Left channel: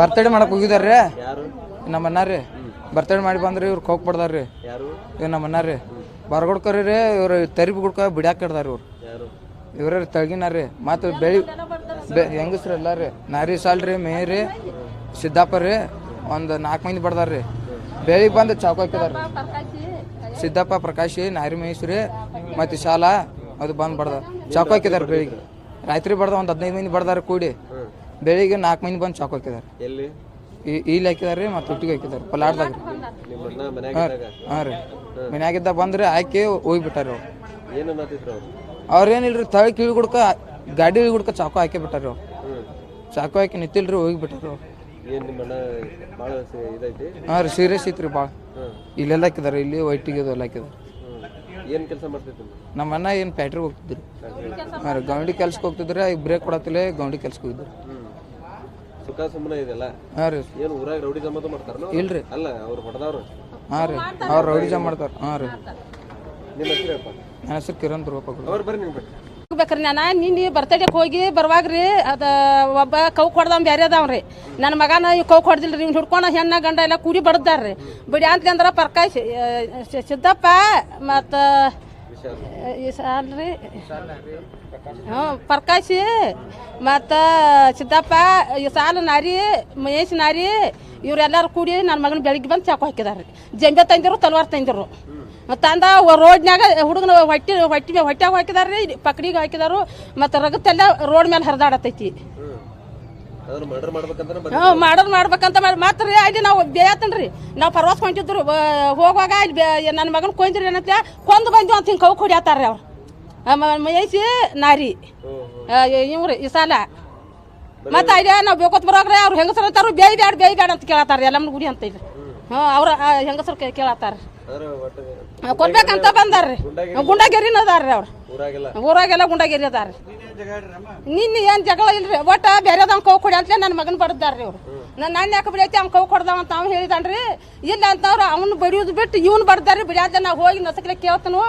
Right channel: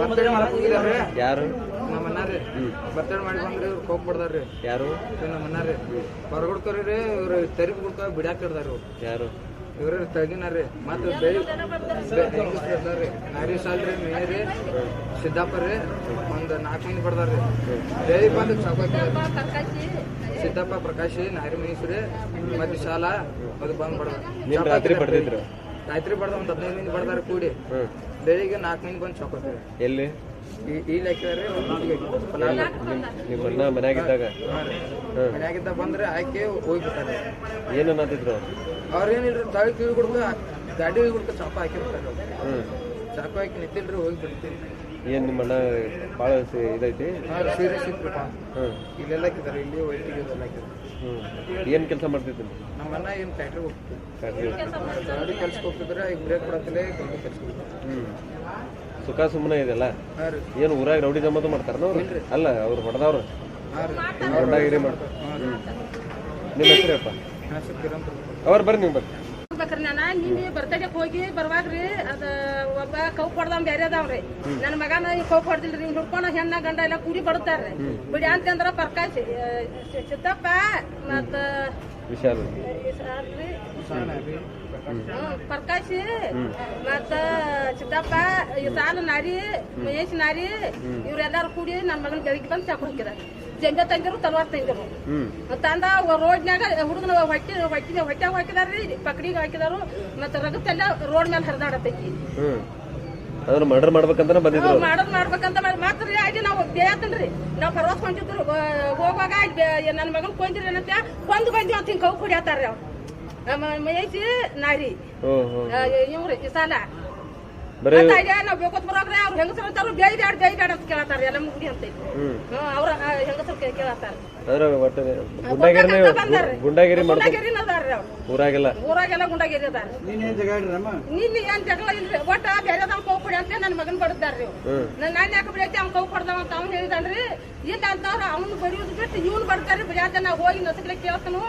Birthday ಮಾಡಕ್ ಹೋಗಿದಾರ್ರಿ? ಯಾರು? ನಮ್ಮ ಅಣ್ಣಾರಿ ಬರ್ತಡೇ ಮಾಡಿ ಬಂದ್ರಿ ಇವ್ರು ಕೋಕ್ ಬಡ್ದಾರ್ರಿ ಯಾರು? ಇವ್ ನಮ್ಮ ಅಣ್ಣಾರಿ ಬರ್ಗೊಡ್ಕರಿ ರೀ ಇವ್ರು ತೆರಿಬಿ ಗುಡ್ಕ ಬಿಡ್ಯಾಕ ಇಡ್ದಾರ ಇವ್ರು. ಯಾರು? ಇವ್ರ ತಳಗಿನಾರ್ರಿ. ಮತ್ತು ಬೆಳಿ ಬೆ ಹೆಂಗಸ್ರು ಎಲ್ಲ ರೀ ನಾರಿ ಸಾಲ್ರಿ ಮೇರಿ ಸಿದ್ದಾಪರ್ರಿ ರೀ ಒಂದು ನಾಲ್ಕು ಮಂದಿ ಬಡ್ದಾರ್ರಿ. ಬೆಳಿಗ್ಗೆ ಬಂದು ಚಾಕು ಹಾಕಿದಾರ್ರಿ. ಸಿದ್ದಪ್ಪ ಪ್ರಕಾಶಿ ನಾರಿ ಮಹೇಶ್ವರಿ ಮತ್ತು ಶಾಲಾ ಅದು ಬಂದು ಬಡ್ದಾರ. ಚಾಕು ಹಾಕಿದಾರೆ ಬೆಳಿಗ್ಗೆ. ರಾತ್ರಿ ಬಡ್ದ ಒಂದು ಹದಿನೈದು ಮಂದಿ ಬಡ್ದಾರ ಕೂಡಿ. ಬೆಳಿಗ್ಗೆ ನಾಲ್ಕು ಮಂದಿ ಬಂದು ಚಾಕ್ ಎಲ್ಲಿ? ಈ ಇಲ್ಲಿ ಹಾಕಿದಾರ್ರಿ ಮತ್ತೆ ಹುಟ್ಟಿಗೆ ಹಾಕಿದಾರೆ ಪಲಾಟ್ದಾಗ ನಿಮ್ಮ ಅಣ್ಣ ಇದ್ದಾಗ ಹಾಂ ರೀ. ಮನ್ಯಾಗಿದ್ದ ಬಂದ್ರೆ ಹಾಕಿ ಹೋಗ್ಬಿಟ್ಟಾರ ಏನು ಅವ್ರೇನಿಲ್ರಿ ತಳ ಕಿವಿ ಗುಡ್ಕ ಗಾಡಿ ಗುಡ್ಕ ಚಾಕು ಹಾಕಿ ಬಿಟ್ಟಾರ ಹ್ಮ್. ಚಾಕು ಹಾಕಿ ನಿಂತಿಲ್ರಿ ಹೋಗಿಬಿಟ್ರು ಏನ್ ನಿಮ್ಮ ಅಣ್ಣ ಭಾಳ ಸಿ- ಇದೈತಿ? ಹಾಂ ರೀ ಸೀರಿಯಸ್ ಐತ್ರಿ ಬಾ ಹ್ಮ್. ಇಲ್ಲೆಲ್ಲ ಹಾಕಿದಾರೆ ಇಲ್ಲಿ ವೈಟಿಗೆ ಇದೆಲ್ಲ ಹಾಕಿದಾರೆ. ಹ್ಮ್. ಏನ್ ಕೆಲಸ ಮಾಡ್ತಿದ್ದೀನಿ ನಮ್ಮ ಅಣ್ಣ ಏನು ಫ್ಯಾಕ್ಟ್ರಿಗೆ ಹೋಗ್ತಿದ್ರು ಗೌಂಡಿ ಕೆಲ್ಸಕ್ಕೆ ಹೋಗ್ತಿದ್ರೆ ಈಗ ಬ್ರೇಕ್ ಕೊಡತ್ತಿಲ್ಲ ಗೌಂಡಿ ಕೆಲ್ಸಕ್ಕೆ ಹೋಗಿದ್ರು ಹ್ಮ್. ಸುಖ ಸುಮ್ಮನೆ ಇದೆಲ್ಲ ಹಾಂ ರೀ. ಏನು ಊರಾಗ ರೌಡಿ ಜಮ್ಮದು ಮಾಡ್ತಾರ ಇಲ್ರಿ. ಅಲ್ಲ ಅವ್ರು ಹೊಡೆದವ್ರು. ಹಾಂ ರೀ ಅವ್ರು ರಿವಿಷನ್ ಮಾಡ್ತಾರೆ. ಹಾಂ ರೀ. ನಿಮ್ಮ ಹೆಸರಪ್ಪ ನನ್ನ ಹೆಸರು ಕಿರಣ್ ರೂಪ ಅವ್ರು ಬರ್ರಿ ನೀವು ಬರ್ರಿ. ಬೇಕ್ರಿ ನಾನು ನಿನ್ನೆ ಬರ್ತಡೇಗೆ ಹೋಗಿ ಬರುವಾಗ್ರಿ ಅದ ಒಬ್ಬ ಕೌ ಕೊಡ್ದವ್ ಬೇರೆ ಅದಾವ್ರಿ ನನ್ನ ಮಗನ ಈ ಕೌ ಕೊಡ್ದಿಲ್ರಿ ಇವ್ನು ಹಿಡ್ಕೊಂಡು ಹೆಣ್ಣ ಗಂಡ ಎಲ್ಲ ಕೂಡಿ ರೀ. ಬಿಡಿ ಅಂತ ಅಂದ್ರೆ ಪರ್ಕ ಸಿದ್ದಪ್ಪ ಮತ್ತು ವಿಶಾಲ್. ಅಲ್ರಿ. ಹ್ಞೂ ಪರ್ಕಾಶಿ ಮತ್ತು ಸಿದ್ದಪ್ಪ ಈ ಸಾಲು ನಾರಿ ಮಹೇಶ್ ನಾರಿ ಇವರೆಲ್ಲರೂ ಕೂಡಿ ನನ್ನ ಮಗನ ಬೆಳಿಗ್ಗೆ ಬಂದು ಚಾಕು ಹಾಕಿದಾರೆ. ಜಂಬೆ ತಂದಿರು ತಲ್ವಾರ್ ತಂದಿರು. ತಂದ ರೋಡ್ನ್ಯಾಗ ಹುಡುಗನ ಹೊಟ್ಟಿ ಹೊಟ್ಟಿ ಹೊಟ್ಟೆ ಹಾಕಿದಾರ್ರಿ ಪಕಡಿಗೆ ಹಾಕಿದಾರು ಮತ್ತು ರಗತ್ತೆಲ್ಲ ರೋಡ್ ಮೇಲೆ ಹರಿದಾಡತೈತಿ. ಅದನ್ನ ಮರ್ಡರ್ ಮಾಡ್ಬೇಕಂತ ಬಂದಿದ್ರು ಮಾಡ್ಬೇಕಂತ ಮಾಡಿ ಮಾತ್ರ ಅಲ್ಲಿ ನಾವು ಬೇಯತ್ತನ್ರಿ. ನಾವು ಪರ್ವಾಸ್ ಹೊಂಟಿದ್ರು ಹೋಗುವಾಗ ನನ್ನ ಮಗನ ಕೊಂದ್ರಿ ಏನಂತ ಕೊಂದು ಬಂದ್ವಿ ಅಂತ ಹಿಂಗೆ ಕೌ ಕುಡಿಯತ್ತಾರ್ರಿ ಅವ್ರು. ಮಹೇಶಿ ನಾರಿ. ಹ್ಮ್ ಹ್ಮ್. ಇವ್ರಿ ಈ ಸಾಲ. ಮತ್ತೆ ಅಲ್ಲಿ ನಾವು ಬೇಕೋತ್ ಬರೋಗ್ರೆ ಅವ್ರು ಹೆಂಗಸರು ಅಂತಾರು ಬೇಯ್ ಬ್ಯಾಡ ಬೇಯ್ ಬ್ಯಾಡ ಅಂತ ಕೇಳತ್ತಾರ ಎಲ್ಲ ಗುಡಿ ಅಂತ ಇಲ್ಲಿ. ಹ್ಞೂ ಅವ್ರ ಹೆಂಗಸರು ಕೇಳತ್ತಾರ. ಕೊಡ್ಬೇಕಂತ ಬಂದಾರ್ರಿ. ಗುಂಡಾಗಿರಿ ಗುಂಡಾಗಿರಿನ ಅದಾರ್ರಿ ಅವ್ರು. ಊರಾಗೆಲ್ಲ. ಊರಾಗೆಲ್ಲ ಗುಂಡಾಗಿರಿ ಅದಾರ ನಿನ್ನ ಏನ್ ಜಗಳ ಇಲ್ರಿ? ಒಟ್ಟ ಬೇರೆದವ್ ಕೌ ಕೊಡಿ ಅಂತ ನನ್ನ ಮಗನ್ ಬಡದಾರ್ರಿ ಅವ್ರು ನನ್ನ ಅಣ್ಣ ಯಾಕೆ ಬಿಡೈತಿ ಅವ್ನ ಕೌ ಕೊಡ್ದಾವ ಅಂತ ಅವ್ನು ಹೇಳಿದನ್ರಿ. ಇಲ್ಲ ಅಂತವ್ರು ಅವ್ನು ಬಡಿಯೋದು ಬಿಟ್ಟು ಇವ್ನು ಬಡ್ತಾರ್ರಿ ಬಿಡ್ಯಾದ ನಾ ಹೋಗಿ ನಸಕ್ಲೆ ಕೇಳ್ತನು.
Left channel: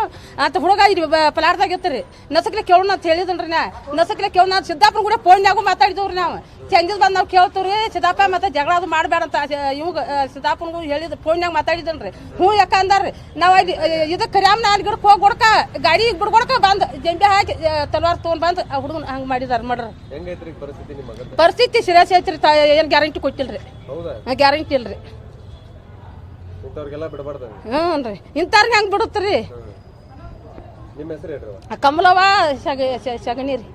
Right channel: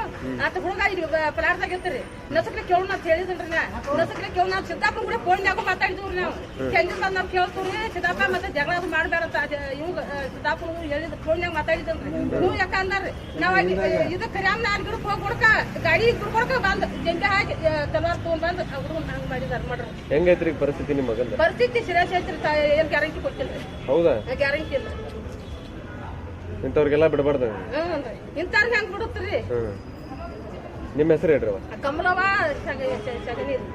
ಅಂತ ಹುಡುಗ ಇಲ್ಲಿ ಪಲಾರ್ದಾಗ ಇರ್ತೀರಿ. ನಸಕ್ಲೆ ಕೇಳೋಣ ಅಂತ ಹೇಳಿದನ್ರಿ ನಾ. ನಸಕ್ಲೆ ಕೇಳೋಣ ಅಂತ ಸಿದ್ದಾಪುರ ಕೂಡ ಫೋನ್ಯಾಗೂ ಮಾತಾಡಿದವ್ರಿ ನಾವು. ಚಂದಿದ್ ಬಂದು ನಾವು ಕೇಳ್ತೀವ್ರಿ ಸಿದ್ದಾಪ ಮತ್ತೆ ಜಗಳ ಅದು ಮಾಡಬೇಡ ಅಂತ ಇವಾಗ ಹೇಳಿದ ಹೇಳಿದ್ ಫೋನ್ಯಾಗ ಮಾತಾಡಿದನ್ರಿ. ಹ್ಞೂ ಯಾಕ ಅಂದಾರ್ರಿ? ನಾವು ಅಲ್ಲಿ ಇದಕ್ಕೆ ಕರ್ಯಾಮ್ ಅಲ್ಲಿ ಗಿಡಕ್ಕೆ ಹೋಗಿ ಕೊಡ್ಕ ಗಾಡಿ ಬಿಡ್ಕೊಡ್ಕ ಬಂದ್ ಜಂಬೆ ಹಾಕಿ ತಲವಾರ್ ತೊಗೊಂಡ್ ಬಂದು ಆ ಹುಡುಗನ್ ಹಂಗ್ ಮಾಡಿದಾರ ಮಾಡ್ರಿ ಹೆಂಗೈತ್ರಿ ಪರಿಸ್ಥಿತಿ ನಿಮ್ಮ ಪರಿಸ್ಥಿತಿ ಸಿರಿಯಸ್ ಐತ್ರಿ ತ- ಏನ್ ಗ್ಯಾರಂಟಿ ಕೊಟ್ಟಿಲ್ರಿ. ಹೌದಾ? ಗ್ಯಾರಂಟಿ ಇಲ್ರಿ. ಇಂಥವ್ರಿಗೆಲ್ಲ ಬಿಡಬಾರ್ದು. ಹ್ಞೂ ರೀ. ಇಂಥವ್ರಿಗೆ ಹೆಂಗ್ ಬಿಡುತ್ತರಿ ನಿಮ್ಮ ಹೆಸರು ಹೇಳ್ರಿ ಕಮಲವ್ವ ಸಗ ಸಗಣಿ ರೀ.